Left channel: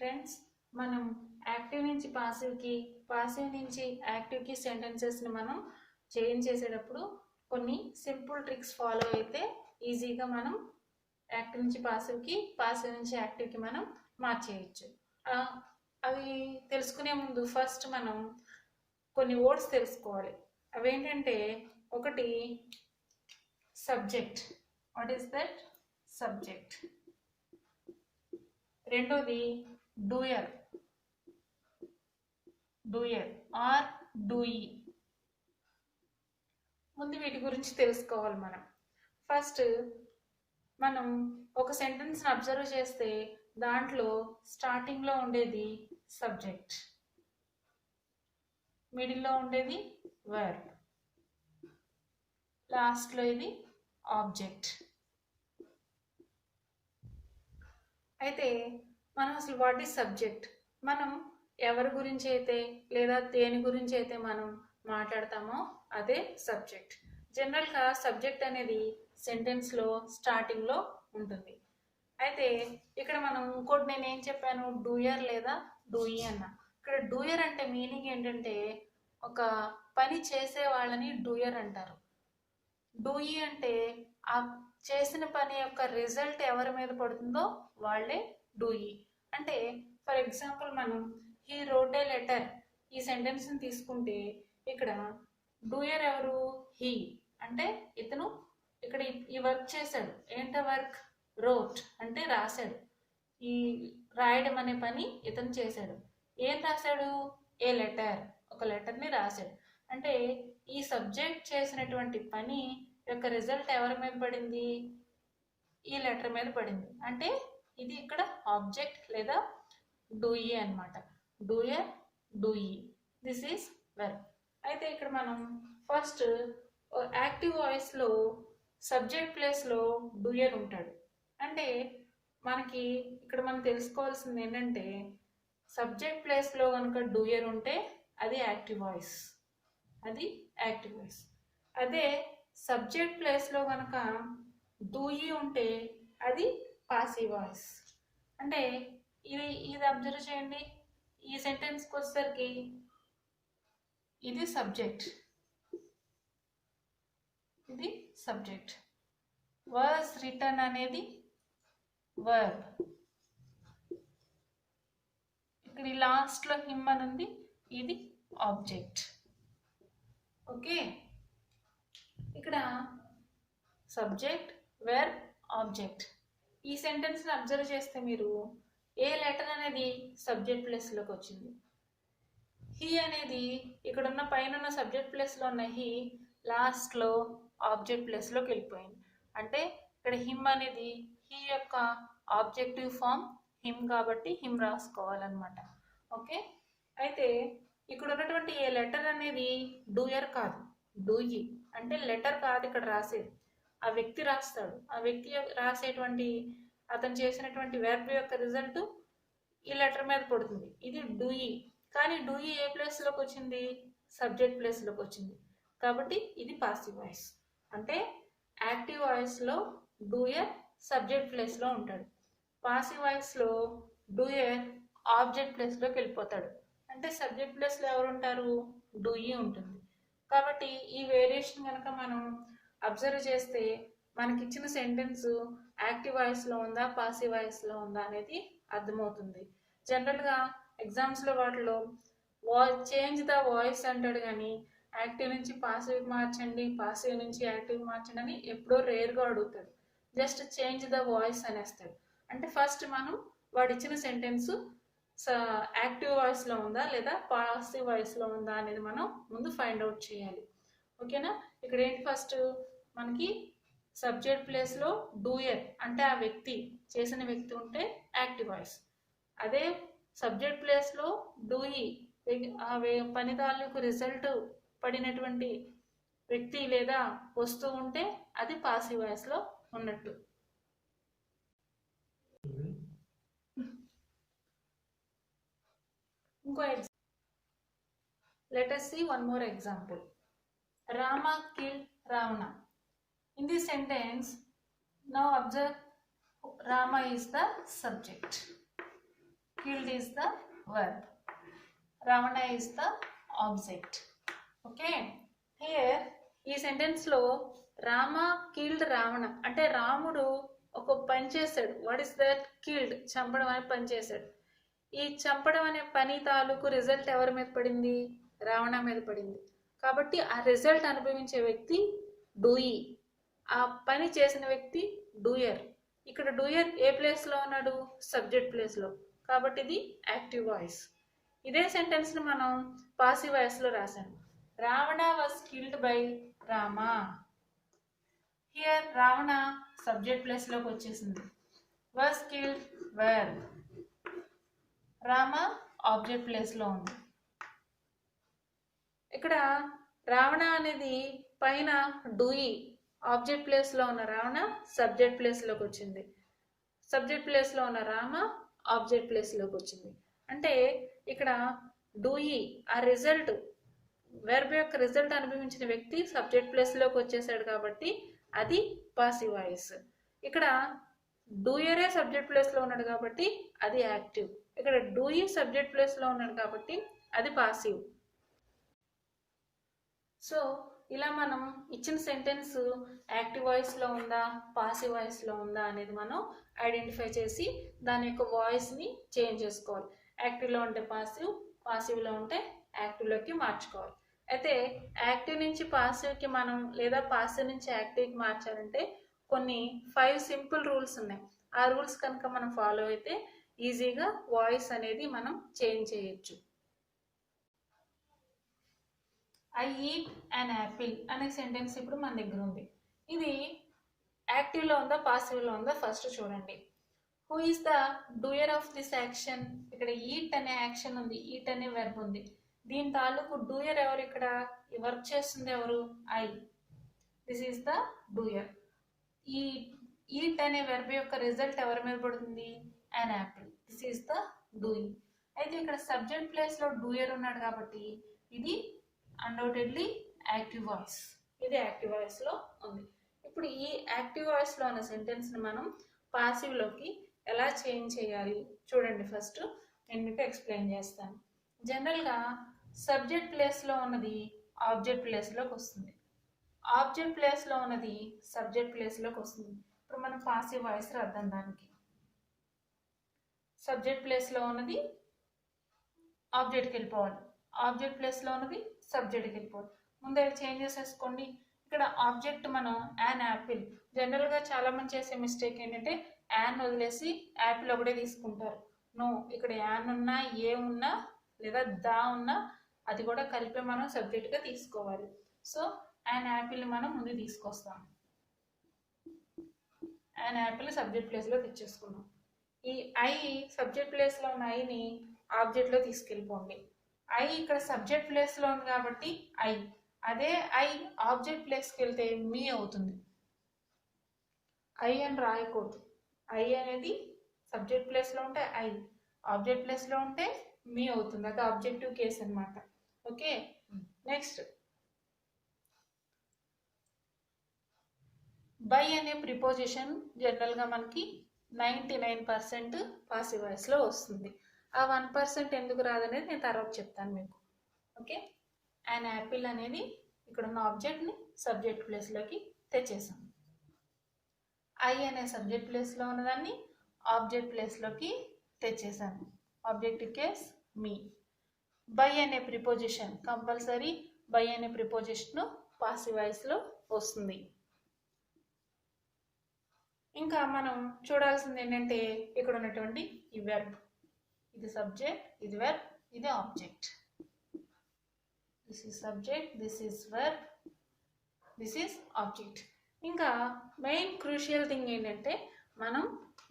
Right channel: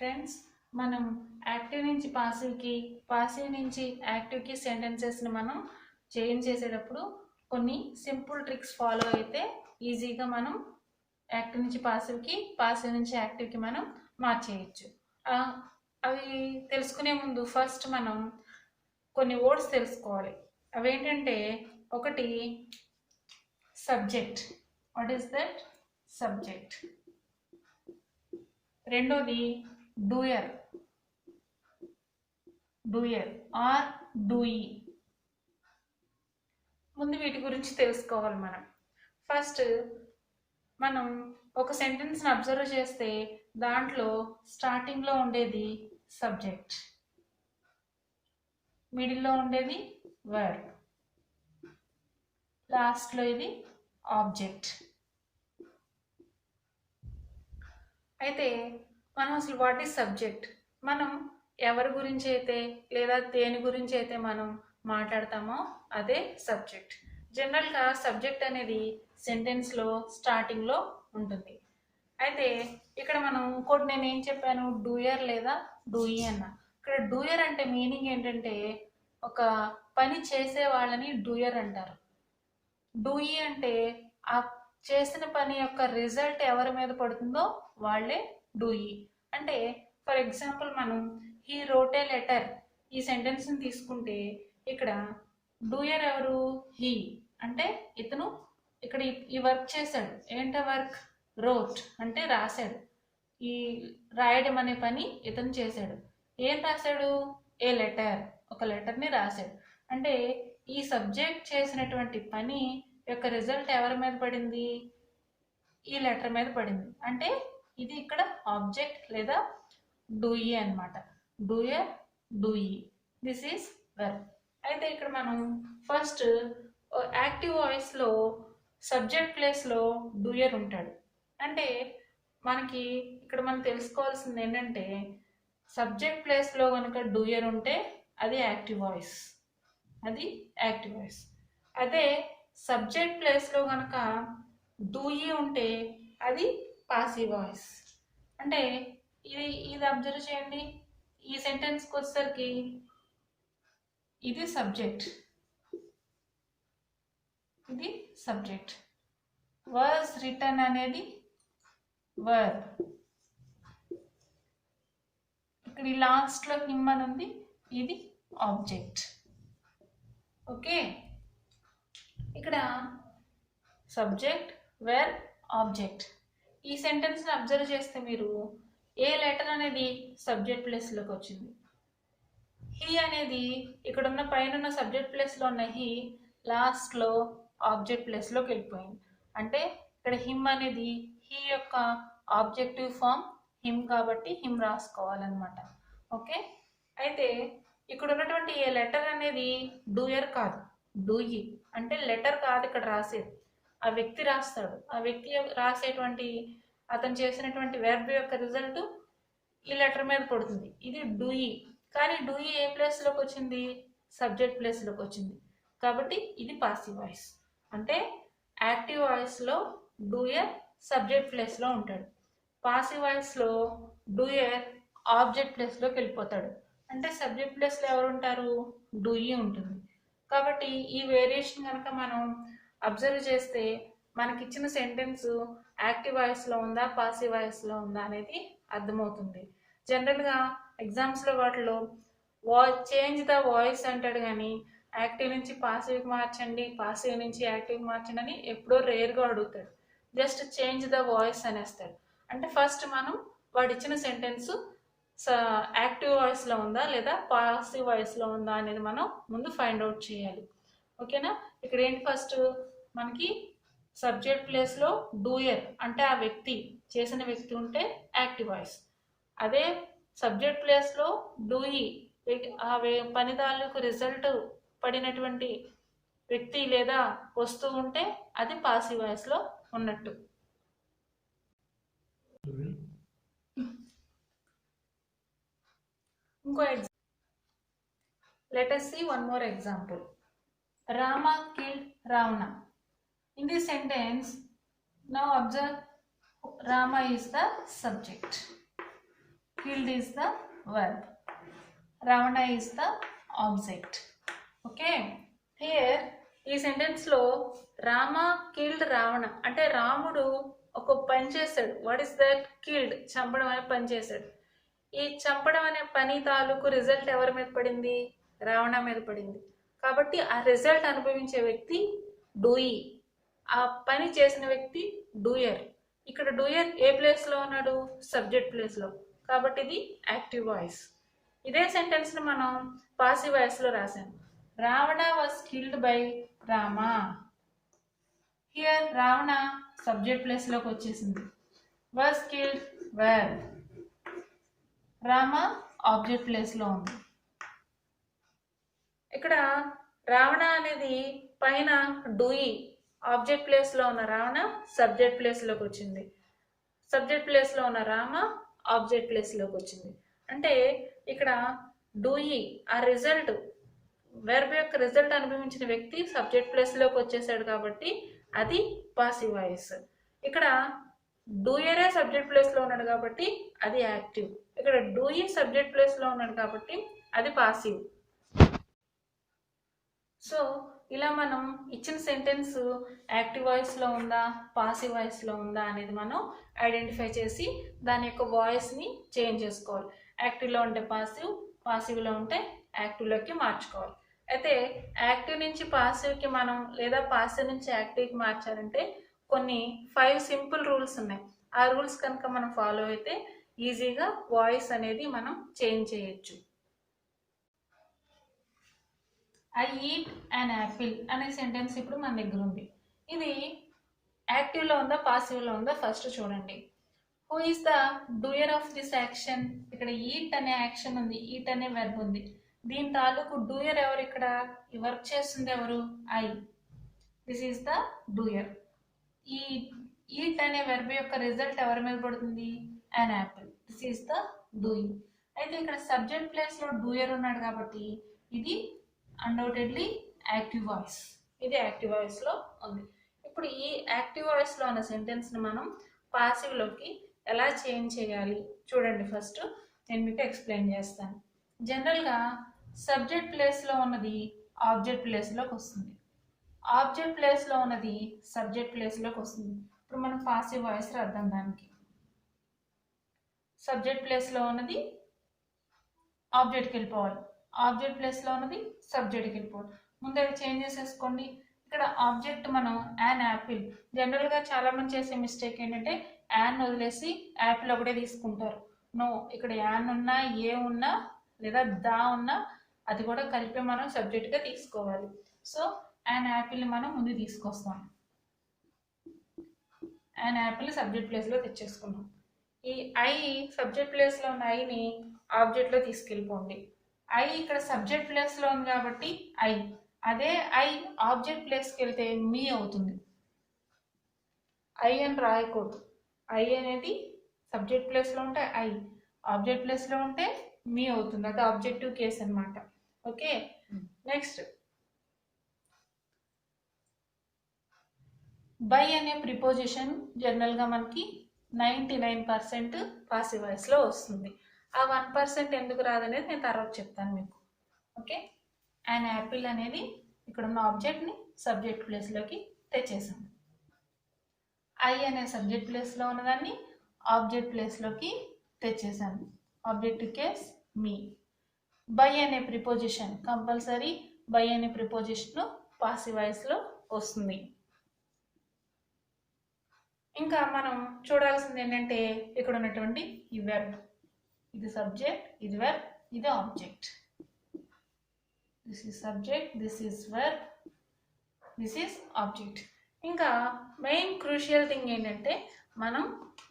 Friends, మనం active నుంచి పాసివ్కి, passive నుంచి యాక్టివ్కి సెంటెన్సెస్ని మనం చేంజ్ చేసేటప్పుడు కొన్ని సింపుల్ ట్రిక్స్ ఫాలో అయితే ఈజీగా మనం యాక్టివ్ నుంచి పాసివ్కి, పాసివ్ నుంచి యాక్టివ్కి మనం మార్చేయచ్చు. అవి తెలుసుకునే ముందు ఫస్ట్ మనం కొన్ని వర్డ్స్ తెలుసుకోవాలి. అవేంటంటే, ఒకటి subject. What is that? Subject. రెండోది డూయర్, డూయర్ ఆర్ డూయి. ముందు వీటి గురించి తెలుసుకోవాలి మనం. ఫస్ట్ మనం ఒక సెంటెన్స్ని అబ్జర్వ్ చేస్తే దాంట్లో స్టార్టింగ్లో ఉండేది సబ్జెక్ట్, మిడిల్లో ఉండేది వర్బ్, లాస్ట్లో ఇది ఆబ్జెక్ట్. అయితే మనం అసలు వాట్ ఈజ్ సబ్జెక్ట్? మనం ఎవరి గురించి అయితే లేదా దేని గురించి అయితే మనం మాట్లాడతామో అదే సబ్జెక్ట్. జనరల్గా సబ్జెక్ట్ అనేది సెంటెన్స్లో స్టార్టింగ్లో ఉంటుంది. అయితే ఇక్కడ మనం ఇంకోటి నేను ఏం చెప్పాను, డూయర్ లేదా డూయి అన్న. ఇక్కడ డూయర్ అంటే మీనింగ్ ఏంటంటే ఒక పని చేసే వాళ్ళని డూయర్ అంటారు. డూయి అంటే ఆ చేసిన పని యొక్క రిజల్ట్ ఎవరి మీద పడుతుందో వాళ్ళే డూయి. అంటే ఫర్ ఎగ్జాంపుల్ మనం హీ రోట్ ఏ లెటర్ ఈ సెంటెన్స్ని తీసుకుంటే ఇక్కడ డూయర్ ఎవరు? హీ. అంటే ఇతను ఇక్కడ ఈ వర్క్ చేశాడు. ఏంటో వర్క్? రోట్ అంటే రాశాడు. ఈ రాయడం అనే పని ఇతను చేశాడు. ఏం రాశాడు? ఏ లెటర్, ఒక లెటర్ని రాశాడు. అంటే ఈ సబ్జెక్ట్ చేసినటువంటి పని యొక్క రిజల్ట్ ఎవరి మీద పడింది? ఈ లెటర్ మీద పడింది. అంటే ఇది ఇక్కడ ఆబ్జెక్ట్ లేదా డూయి అన్నమాట. Doer, Dewey. This is verb. అయితే ఇక్కడ మనం ఫస్ట్ యాక్టివ్ వాయిస్లో సబ్జెక్ట్ ప్లేస్లో డూయర్ ఉంటాడు. అంటే మనకి ఇక్కడ మనం తెలుసుకోవాల్సింది ఏంటంటే, సబ్జెక్ట్ ప్లేస్లో కనుక డూయర్ ఉంటే అది యాక్టివ్ వాయిస్, అది యాక్టివ్ వాయిస్. అదే సబ్జెక్ట్ ప్లేస్లో కనుక డూయి ఉంటే అది పాసివ్ వాయిస్. అంటే ఇది అబ్జర్వ్ చేయండి. ఈ సెంటెన్స్కి వచ్చేసరికి ఇది సబ్జెక్ట్, ఇది సబ్జెక్ట్. వాస్ రిటర్న్ అనేది వర్బ్. ఇక్కడ ఈ లాస్ట్లో హిమ్ అని ఉంది, ఇది ఆబ్జెక్ట్. ఓకే, ఇక్కడ సబ్జెక్ట్, వెర్బ్, ఆబ్జెక్ట్. ఈ సెంటెన్స్ని అబ్జర్వ్ చేస్తే మీరు ఏ లెటర్ అనేది సబ్జెక్ట్ ప్లేస్లోకి వచ్చింది? హీ అనేది ఇక్కడ ఉన్న పైన ఉన్న సబ్జెక్ట్ ప్లేస్లో ఉన్న హీ లాస్ట్లో ఆబ్జెక్ట్ ప్లేస్లోకి వెళ్ళిపోయింది. అంటే ఇక్కడ హిమ్ అనేది హీ యొక్క ఆబ్జెక్టివ్ ఫామ్ హిమ్ కాబట్టి హిమ్ రాసుకోవాలన్నమాట. ఓకే, అయితే ఇక్కడ ఉన్నటువంటి ఏ లెటర్ అనేది డూయర్ కాదు, డూయి. అంటే లెటర్ కాదు ఇక్కడ రాసేది, ఆ వ్యక్తి రాస్తాడు. ఆ వ్యక్తి రాసేటువంటి అతను చేసినటువంటి వెర్బ్ యొక్క రిజల్ట్ ఈ లెటర్ మీద పడుతుంది. ఇది డూయి. కానీ డూయి ఏ ప్లేస్లోకి వచ్చింది? సబ్జెక్ట్ ప్లేస్లోకి వచ్చింది. కాబట్టి ఇది పాసివ్ వాయిస్. అంటే యాక్టివ్ వాయిస్లో డూయర్ సబ్జెక్ట్ ప్లేస్లో ఉంటాడు. పాసివ్ వాయిస్లో డూయర్ ఆబ్జెక్ట్ ప్లేస్లోకి వెళ్ళిపోతాడు. అంటే సబ్జెక్ట్ ప్లేస్లో ఎవరు ఉంటారు? డూయి ఉంటుంది. కాబట్టి ఈ వేరియేషన్ కనుక మనం అబ్జర్వ్ చేస్తే మనకి ఇచ్చిన సెంటెన్స్ యాక్టివ్ వాయిస్లో ఉందా, పాసివ్ వాయిస్లో ఉందా అనేది అర్థమవుతుంది. జనరల్గా ఎగ్జామ్స్లో వాటిలో చేంజ్ ద వాయిస్ అంటాడు, కానీ యాక్టివ్ నుంచి పాసివ్ మార్చండి, పాసివ్ నుంచి యాక్టివ్ మార్చండి అని ఎప్పుడో రేర్గా అడుగుతాడు. జస్ట్ చేంజ్ ద వాయిస్ అనేస్తాడు. అంటే ఫస్ట్ మనం వాడు ఇచ్చిన సెంటెన్స్ యాక్టివ్ వాయిస్లో ఉందా లేదా పాసివ్ వాయిస్లో ఉందా అనేది మనం ముందు ఫైండ్ అవుట్ చేయాలి. ఓకేనా? ఇక్కడ ఏంటి, ఫస్ట్ మనకి సబ్జెక్ట్ ప్లేస్లో డూయర్ అంటే ఆ వ్యక్తి, చేసిన వ్యక్తి ఉంటే యాక్టివ్ వాయిస్. అదే సబ్జెక్ట్ ప్లేస్లో డూయి ఆ పని తాలూకు రిజల్ట్ పడినటువంటి వ్యక్తి లేదా వస్తువు ఉంటే అది పాసివ్ వాయిస్లో ఉన్నట్టు. ఇంకో let us see one more example. Rama killed Ravana. In this sentence, now observe Rama is the subject. killed is the verb. Ravana is the object. Okay. Here ఈ సెంటెన్స్ లో రామ కిల్డ్ రావణ అంటే రాముడు ఒక పని చేశాడు. What is that? కిల్డ్, చంపడం అనే పని చేశాడు. ఈ చంపడం అనే పని తాలూకు రిజల్ట్ ఎవరి మీద పడింది? రావణ మీద పడింది. కాబట్టి ఆ రిజల్ట్ అనుభవించే వ్యక్తి డూయి, ఆ పని చేసిన వ్యక్తి డూయర్. ఇక్కడ డూయర్ ఏ ప్లేస్ లో ఉన్నాడు? సబ్జెక్ట్ ప్లేస్ లో. కాబట్టి ఇది యాక్టివ్ వాయిస్. ఇదే సెంటెన్స్ ని మనం పాసివ్ వాయిస్ లో రాసాము. Ravana was killed by Rama. Here Ravana subject place లోకి వచ్చేసింది. Was killed verb. Rama object place లో ఉంది. ఇక్కడ రావణ అనేది పైన డూయి, ఆబ్జెక్ట్ ప్లేస్ లో ఉన్న రావణ సబ్జెక్ట్ ప్లేస్ లోకి వచ్చింది. సబ్జెక్ట్ ప్లేస్ లో ఉన్న రామ ఆబ్జెక్ట్ ప్లేస్ లోకి వచ్చింది. అంటే ఇక్కడ డూయి ఆ రిజల్ట్, వెర్బ్ యొక్క రిజల్ట్ అనుభవించిన వ్యక్తి సబ్జెక్ట్ ప్లేస్ లోకి వచ్చేసాడు కాబట్టి అది పాసివ్ వాయిస్. ఇక్కడ డూయరే సబ్జెక్ట్ ప్లేస్ లో ఉన్నాడు కాబట్టి అది యాక్టివ్. ఇక్కడ డూయి సబ్జెక్ట్ ప్లేస్ లో ఉన్నాడు కాబట్టి అది పాసివ్. సో ఇలా మనం ఇచ్చిన సెంటెన్స్ యాక్టివ్ వాయిస్ లో ఉందా పాసివ్ వాయిస్ లో ఉందా అనేది మనం ఐడెంటిఫై చేసి దాని యొక్క వాయిస్ ని చేంజ్ చేసుకోవాలి. యాక్టివ్ లో ఉంటే పాసివ్, పాసివ్ లో ఉంటే యాక్టివ్ లోకి మార్చుకోవాలి. అయితే యాక్టివ్ నుంచి పాసివ్ కి మనం లేదా పాసివ్ నుంచి యాక్టివ్ కి మార్చాలంటే కొన్ని 5 సింపుల్ రూల్స్ ఉన్నాయి. ఆ రూల్స్ కనుక మనం ఫాలో అయితే ఈజీగా వాయిస్ అనేది మనం చేంజ్ చేయొచ్చు. ఐ ఈట్ అన్ యాపిల్ అనే సెంటెన్స్ ఇప్పుడు మన దగ్గర ఉంది. ఇది యాక్టివ్ లో ఉందా పాసివ్ లో ఉందా ఫస్ట్ చూడండి. Who is the doer of this action? ఇక్కడ ఈట్ అనే యాక్షన్ ఉంది, ఈట్ అనే వెర్బ్ ఉంది. దీని తాలూకు డూయర్ ఎవరు? ఇక్కడ ఈ వర్క్ చేస్తుంది ఎవరు? I. This is the doer. ఈ ఈట్ అనే వెర్బ్ యొక్క రిజల్ట్ ఎవరి మీద పడుతుంది? An apple. This is the doing. అయితే ఇక్కడ సబ్జెక్ట్ ప్లేస్ లో డూయర్ ఉన్నాడు కాబట్టి ఇది అన్డౌటెడ్లీ యాక్టివ్ వాయిస్. ఇది యాక్టివ్ వాయిస్ లో ఉంది. ఇప్పుడు ఈ యాక్టివ్ వాయిస్ లో ఉన్న సెంటెన్స్ ని మనం పాసివ్ లోకి ఎలా చేంజ్ చేయాలి చూడండి. ఫస్ట్ నేను మీకు ఎక్స్ప్లెయిన్ చేస్తాను. జనరల్ గా సబ్జెక్ట్ ప్లేస్ లో ఉన్నది ఆబ్జెక్ట్ ప్లేస్ లోకి వస్తుంది, ఆబ్జెక్ట్ ప్లేస్ లో ఉన్నది సబ్జెక్ట్ ప్లేస్ లోకి వస్తుంది. ఇప్పుడు మనం పాసివ్ వాయిస్ రాద్దాం. దానికి సబ్జెక్ట్ ప్లేస్ లో ఉన్నది ఆబ్జెక్ట్కి వెళ్ళిపోవాలి, ఆబ్జెక్ట్ ప్లేస్ లో ఉన్నది సబ్జెక్ట్కి వెళ్ళిపోవాలి. ముందు అవి చేంజ్ చేసేసుకోండి. ఇక్కడ ఆబ్జెక్ట్ మనం యాన్ యాపిల్. జనరల్ గా చాలా మంది చేసే మిస్టేక్ ఏంటంటే యాన్ వదిలేసి యాపిల్ ఒకటే తీసుకుంటారు. నో, ఇక్కడ యాన్ ఉన్నా ఏ ఉన్నా లేదా దా ఉన్నా అది కూడా కలిపి మనం సబ్జెక్ట్ గా తీసుకోవాలి. సో యాన్ యాపిల్ ని మనం ముందు తీసుకొస్తాం. యాన్ యాపిల్ సబ్జెక్ట్ ప్లేస్ లో తెచ్చేసుకున్నాం. ఈ ఐ సబ్జెక్ట్ ప్లేస్ లో ఉన్న ఐని ఆబ్జెక్ట్ లో తీసుకెళ్ళిపోండి. ఐ ఇక్కడ సబ్జెక్ట్ ప్లేస్ లో ఉంది కాబట్టి ఐ, అదే ఐ ఆబ్జెక్ట్ ప్లేస్కి వెళ్తే మీ అవుతుంది. ఐ అని రాయకూడదు. ఐ అనేది సబ్జెక్ట్ ప్లేస్ లో ఉంటే ఐ, ఆబ్జెక్ట్ ప్లేస్ లో ఉంటే మీ అవుతుంది. అది ఆబ్జెక్టివ్ కేస్ అన్నమాట. ఓకే, నెక్స్ట్ బై అనే ప్రిపోజిషన్ జనరల్ గా మనకి 99% పాసివ్ వాయిస్ లో వస్తుంది. ఆ 1% ఎందుకు రాదనేది నేను తర్వాత చెప్తాను మీకు. ఓకే, అండ్ యాపిల్ అనేది ఇక్కడ ఉన్న ఆబ్జెక్ట్ ని సబ్జెక్ట్ ప్లేస్ లోకి తెచ్చేసాం. ఐ అనే సబ్జెక్ట్ ప్లేస్ లో ఉన్నదాన్ని ఆబ్జెక్ట్ ప్లేస్ లోకి తెచ్చేసాను. Objective case me. బై అనే ప్రిపోజిషన్ కంపల్సరీ, బై అనే ప్రిపోజిషన్ పాసివ్ వాయిస్ లో వస్తుంది. ఇంకా మనం చూడాల్సింది ఏంటంటే ఇక్కడ ఉన్నటువంటి ఈ వెర్బ్, ఇది సబ్జెక్ట్, ఇది వెర్బ్, ఇది object. This is subject, this is verb, this is object. ఇంకా మెయిన్ క్రూషియల్ థింగ్ ఏంటంటే మనం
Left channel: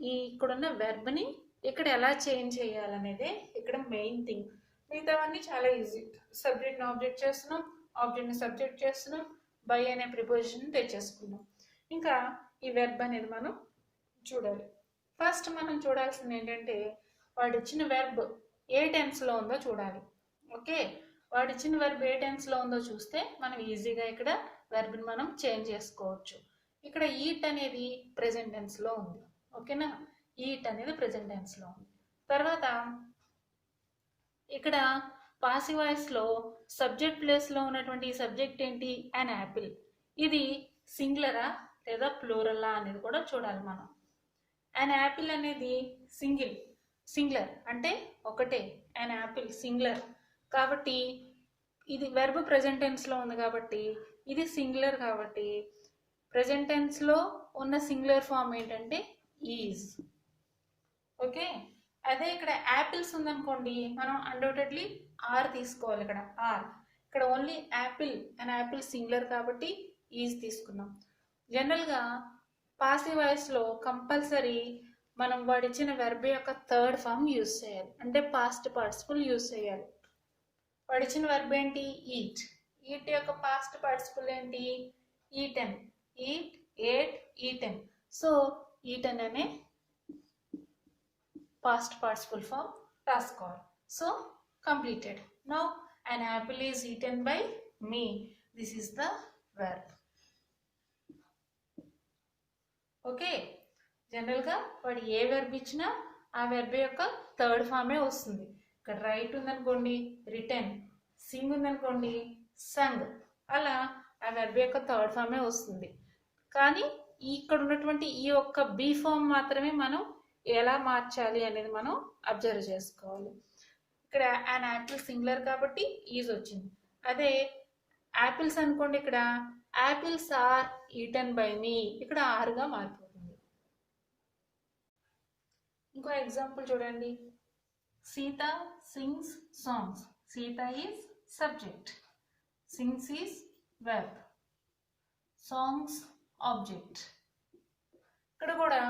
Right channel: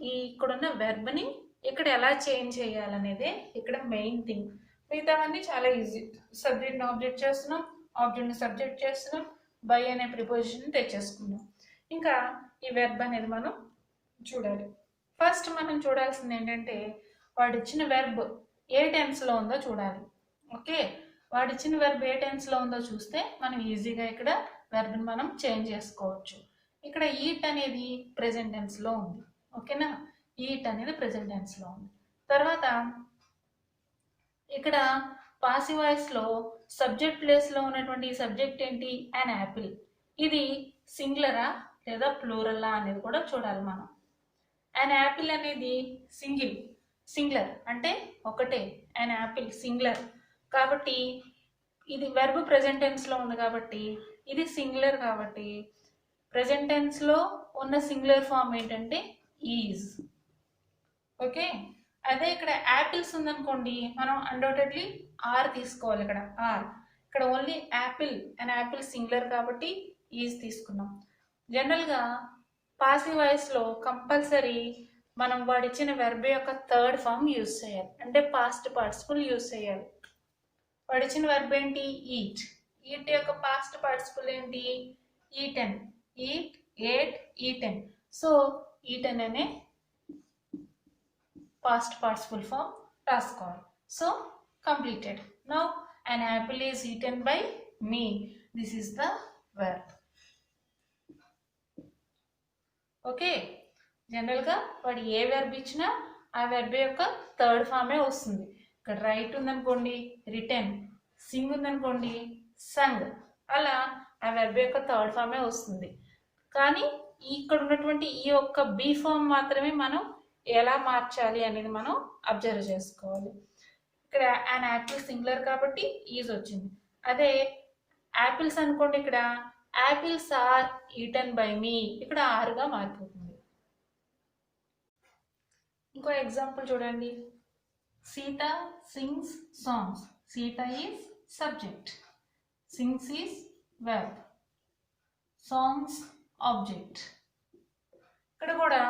ఈ ఇక్కడున్న వెర్బ్ని ఇక్కడ ఎలా చేంజ్ చేయాలనేదే ఇక్కడ మెయిన్ థింగ్. మిగతావన్నీ చాలా ఈజీ. సబ్జెక్ట్ని ఆబ్జెక్ట్ చేస్తున్నాం, ఆబ్జెక్ట్ని సబ్జెక్ట్ చేస్తున్నాం, బై అనే ప్రిపోజిషన్ తెచ్చేసుకున్నాం. ఇంకా ఈ వెర్బ్ అనేది మనం చూడాలి. ఫస్ట్ మనం చూడాల్సింది ఏంటంటే వాడు ఇచ్చిన వెర్బ్ ఏ టెన్స్లో ఉందో చూడాలి. ఓకే, వాడు ఇచ్చిన వెర్బ్ ఏ టెన్స్లో ఉందో చూస్తే మనం ఈజీగా ఇక్కడ వెర్బ్ని మనం చేంజ్ చేసుకోవచ్చు. ఇక్కడ ఈట్ అనేది ప్రెజెంట్ టెన్స్లో ఉంది. ఓకేనా, ఈట్ అనేది ప్రెజెంట్ టెన్స్లో ఉంది. తర్వాత ఇక్కడ పాసివ్ వాయిస్లో సబ్జెక్ట్ ప్లేస్లో ఉన్నటువంటి ఈ సబ్జెక్ట్ ఏంటి? An apple. ఇది సింగులరా లేదా ప్లూరల్లా అనేది కూడా చూడాలి మనం. అన్ యాపిల్ అనేది సింగులర్ అంటే ఒకటే. అన్ యాపిల్ సింగులర్ కాబట్టి ఇది వెర్బ్ ప్రెజెంట్ టెన్స్లో ఉంది కాబట్టి ఇది సింగులర్ కాబట్టి ప్రెజెంట్ టెన్స్లో ఉన్న సింగులర్ ఫామ్ ఏంటంటే ఈజ్. ఓకే, అదే ఇక్కడ యాపిల్స్ ఉందనుకోండి మనం అన్డౌటెడ్లీ ఆర్ తీసుకోవాలి. ఇక్కడ only apple and apple singular కాబట్టి ఈజ్ తీసుకున్నాం. జనరల్గా పాసివ్ వాయిస్లో కంపల్సరీ మనం వాడిచ్చిన వెర్బ్ యొక్క థర్డ్ ఫామ్ యూజ్ చేయాలి, అంటే పాస్ట్ పార్టిసిపుల్ యూజ్ చేయాలి. వాడిచ్చిన వెర్బ్ ఏంటి? ఈట్. ఈట్ యొక్క పాస్ట్ పార్టిసిపుల్ ఏంటి? Eaten. Eat, ate, eaten. So eaten అనే past participle form రాసుకోవాలి. So completed. Now an apple is eaten by me. This is the verb. Okay, జనరల్గా వాడు ఏ verb ఇచ్చినా ఆ వెర్బ్ యొక్క థర్డ్ ఫామే వస్తుంది. ఇక్కడ రైట్ ఉందనుకోండి రిటర్న్, సింగ్ ఉందనుకోండి సంగ్, అలా ఆ వెర్బ్ యొక్క థర్డ్ ఫామే వస్తుంది. కానీ ఇక్కడ ఉన్నటువంటి ఈ యొక్క బీ ఫామ్ మాత్రమే మనం ఎలా మార్చాలి అనేది మనం అబ్జర్వ్ చేసుకోవాలి. ఇక్కడ an యాపిల్ సింగులర్ కాబట్టి ఈజ్ వచ్చింది. అదే యాపిల్స్ అనుకోండి, ఇక్కడ apples are eaten by me, ఇక్కడ ఆర్గా మారిపోతుంది. ఇంకో ఎగ్జాంపుల్ చూడండి. Sita sings songs. Sita is subject, sings is verb, songs object. ఇక్కడ కూడా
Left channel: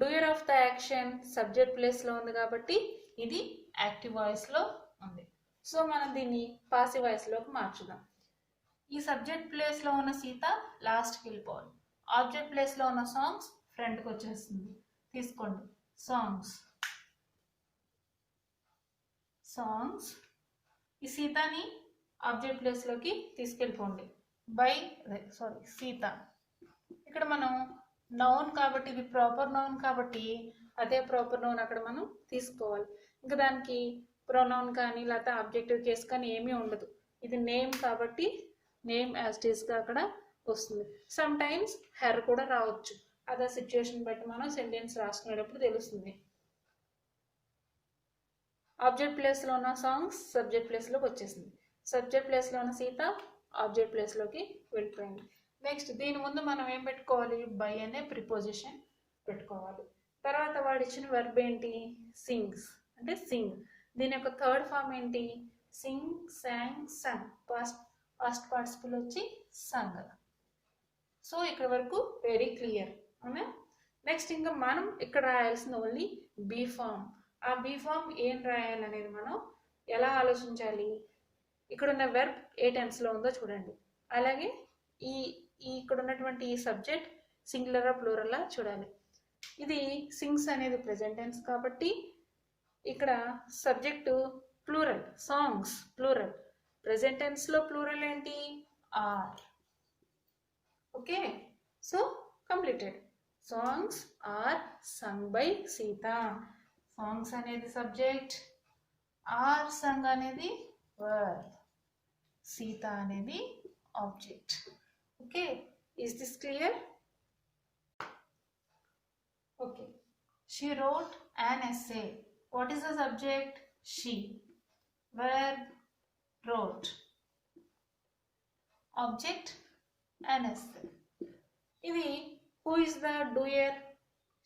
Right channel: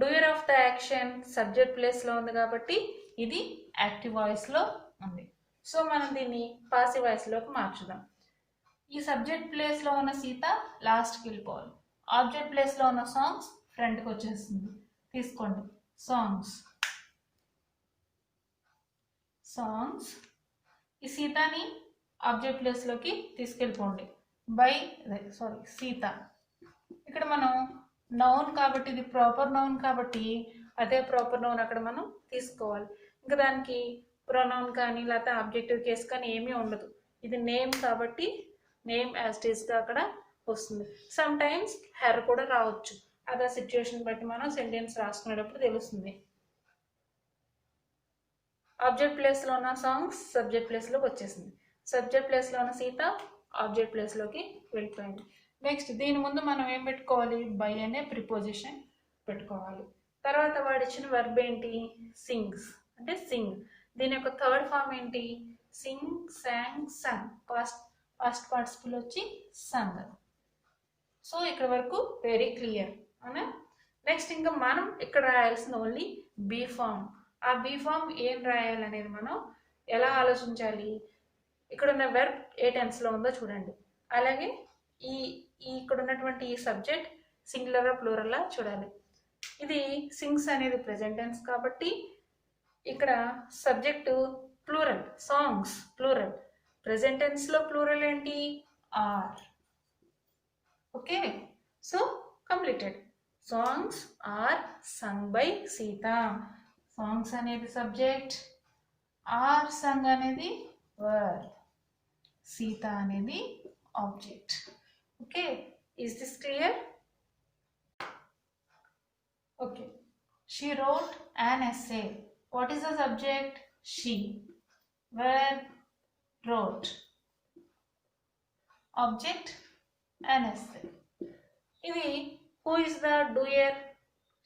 doer of the action subject ప్లేస్లో ఉంది కాబట్టి ఇది యాక్టివ్ వాయిస్లో ఉంది. సో మనం దీన్ని పాసివ్ వాయిస్లోకి మార్చుదాం. ఈ సబ్జెక్ట్ ప్లేస్లో ఉన్న సీత లాస్ట్కి వెళ్ళిపోవాలి. ఆబ్జెక్ట్ ప్లేస్లో ఉన్న సాంగ్స్ ఫ్రంట్కి వచ్చేస్తుంది. తీసుకోండి సాంగ్స్. ఈ సీతని ఆబ్జెక్ట్ ప్లేస్లోకి తీసుకెళ్ళిపోండి. సీత. ఇక్కడ మనం నౌన్ కాబట్టి ఇది ప్రాపర్ నౌన్ కాబట్టి అదే ప్రాపర్ నౌన్ అక్కడ మనం తీసుకోవాలి. ఇంకా దానికి ప్రొనౌన్ కానీ లేకపోతే ఆబ్జెక్టివ్ కేస్ కానీ ఏమీ ఉండదు. ఇది నేమ్ కాబట్టి నేమ్ యాజ్ ఇట్ ఈస్గా అక్కడ వస్తుంది. సమ్ టైమ్స్ హెర్ కూడా రావచ్చు. అదే సిచ్యువేషన్ బట్టి మనం సెంటెన్స్ రాసుకునేటప్పుడు తెలుస్తుంది. ఆబ్జెక్ట్ ప్లేస్లో ఉన్న సాంగ్స్ సబ్జెక్ట్ ప్లేస్లోకి వచ్చేసింది. సబ్జెక్ట్ ప్లేస్లో ఉన్న సీత ఆబ్జెక్ట్ ప్లేస్లోకి వెళ్ళిపోయింది. నెక్స్ట్ దీని ముందు మనం ఏం పెట్టుకోవాలి? బై అనే ప్రిపోజిషన్ పెట్టుకోవాలి. తర్వాత వాడు ఇచ్చిన వెర్బ్ ఏంటి? సింగ్స్ అంటే సింగ్. దీని యొక్క థర్డ్ ఫామ్ ఏంటి? సింగ్, సాంగ్, సంగ్. పాస్ట్ పార్టిసిపుల్ వచ్చి సంగ్. సో ఇక్కడ వరకు వెరీ క్లియర్ అవునా? నెక్స్ట్ ఇంకా మనం ఇక్కడ రాయాల్సిన ఓన్లీ బీ ఫామ్. ఆ బీ ఫామ్ ఏం రాయాలనేది మనం ఎలా ఆలోచించాలి? ఇక్కడ ఉన్న వెర్బ్ ఏ టెన్స్లో ఉందో చూడండి. అలాగే ఇక్కడ ఉన్నటువంటి ఈ సబ్జెక్ట్ సింగులరా ప్లూరల్లా చూడాలి. ఇది సింగ్స్ అనేది ప్రెజెంట్ టెన్స్ కాబట్టి ఇక్కడ subject plural, songs plural. Present టెన్స్లో ప్లూరల్ ఏంటి? Are. Okay, so completed. Songs are sung by Sita. Songs అనేది సబ్జెక్ట్, ఆర్ సంగ్ అనేది వర్బ్, సీత అనేది object. Okay, is this clear? Okay, she wrote an essay. What is the subject? She. Verb wrote. Object an essay. ఇది who is the doer?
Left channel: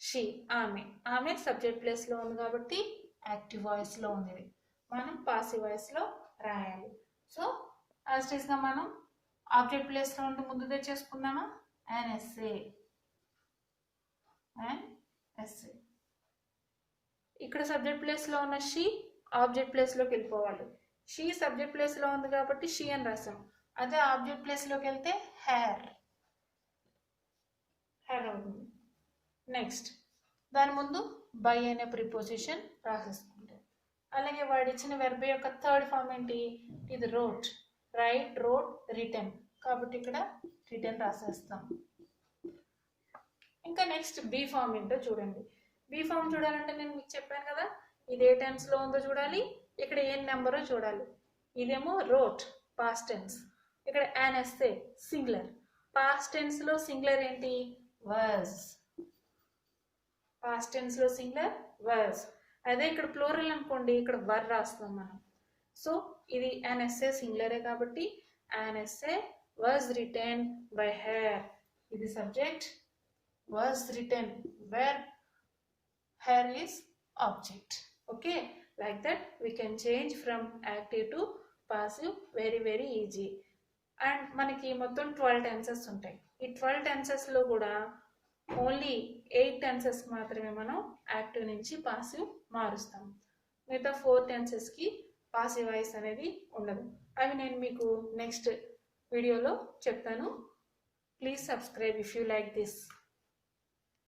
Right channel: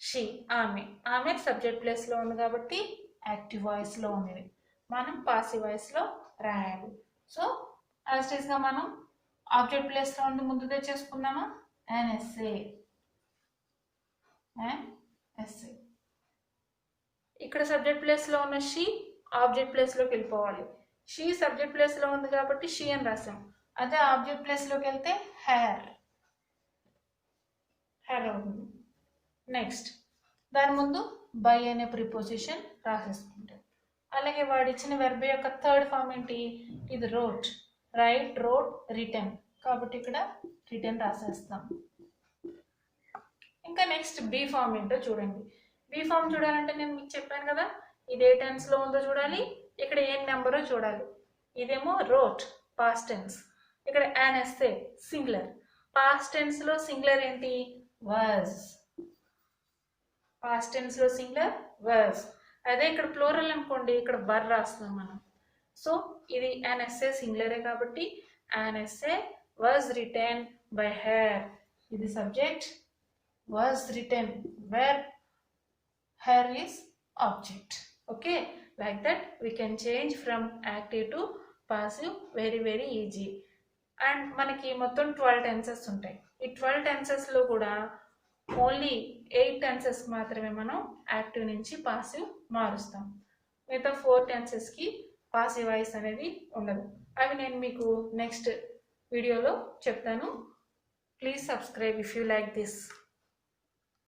She. ఆమె subject ప్లేస్లో ఉంది కాబట్టి active వాయిస్లో ఉంది. మనం పాసివ్ వాయిస్లో రాయాలి. సో యాజ్ ఇట్ ఈస్గా మనం ఆబ్జెక్ట్ ప్లేస్లో ఉంటే ముందు తెచ్చేసుకున్నామా? an essay. ఇక్కడ సబ్జెక్ట్ ప్లేస్లో ఉన్న షీ ఆబ్జెక్ట్ ప్లేస్లోకి వెళ్ళిపోవాలి. షీ సబ్జెక్ట్ ప్లేస్లో ఉంది కాబట్టి షీ అని రాసాం. అదే ఆబ్జెక్ట్ ప్లేస్లోకి వెళ్తే హెయిర్ అవుతుంది. నెక్స్ట్ దాని ముందు బై అనే ప్రిపోజిషన్ రాసేసుకుంటాం. అలాగే వాడు ఇచ్చిన వెర్బ్ యొక్క థర్డ్ ఫామ్ ఏంటి? ఇది రోట్. రైట్, రోట్, రిటర్న్ కాబట్టి ఇక్కడ రిటర్న్ రాసేస్తాం. ఇంకా నెక్స్ట్ బీ ఫామ్ ఏంటో చూడండి. బీ ఫామ్ చూడాలంటే నేను మీకు చెప్పాను కదా, ఇది ఏ టెన్స్లో ఉందో చూడాలి, ఇక్కడ ఏం నెంబరో చూడాలి. ఇదేమో wrote పాస్ట్ టెన్స్, ఇక్కడ an essay singular. Past tense లో సింగులర్ ఏంటి? was. పాస్ట్ టెన్స్ లో సింగులర్ was. అదే ఇక్కడ ప్లూరల్ అనుకోండి, ఇక్కడ వర్ రాస్తున్నాం మనం. సో ఇది an essay సింగులరే కాబట్టి an essay was written by her. ఇది subject, was written, where her is object. Okay, like that we can change from active to passive very easy. And మనకి మొత్తం 12 టెన్సెస్ ఉంటాయి. ఈ 12 టెన్సెస్ లో కూడా only 8 tenses మాత్రమే మనం యాక్టివ్ నుంచి పాసివ్ మారుస్తాం. మిగతా 4 టెన్సెస్ కి పాసివ్ వాయిస్ అనేది ఉండదు. అవి నేను మీకు నెక్స్ట్ వీడియోలో చెప్తాను. Please subscribe if you like this.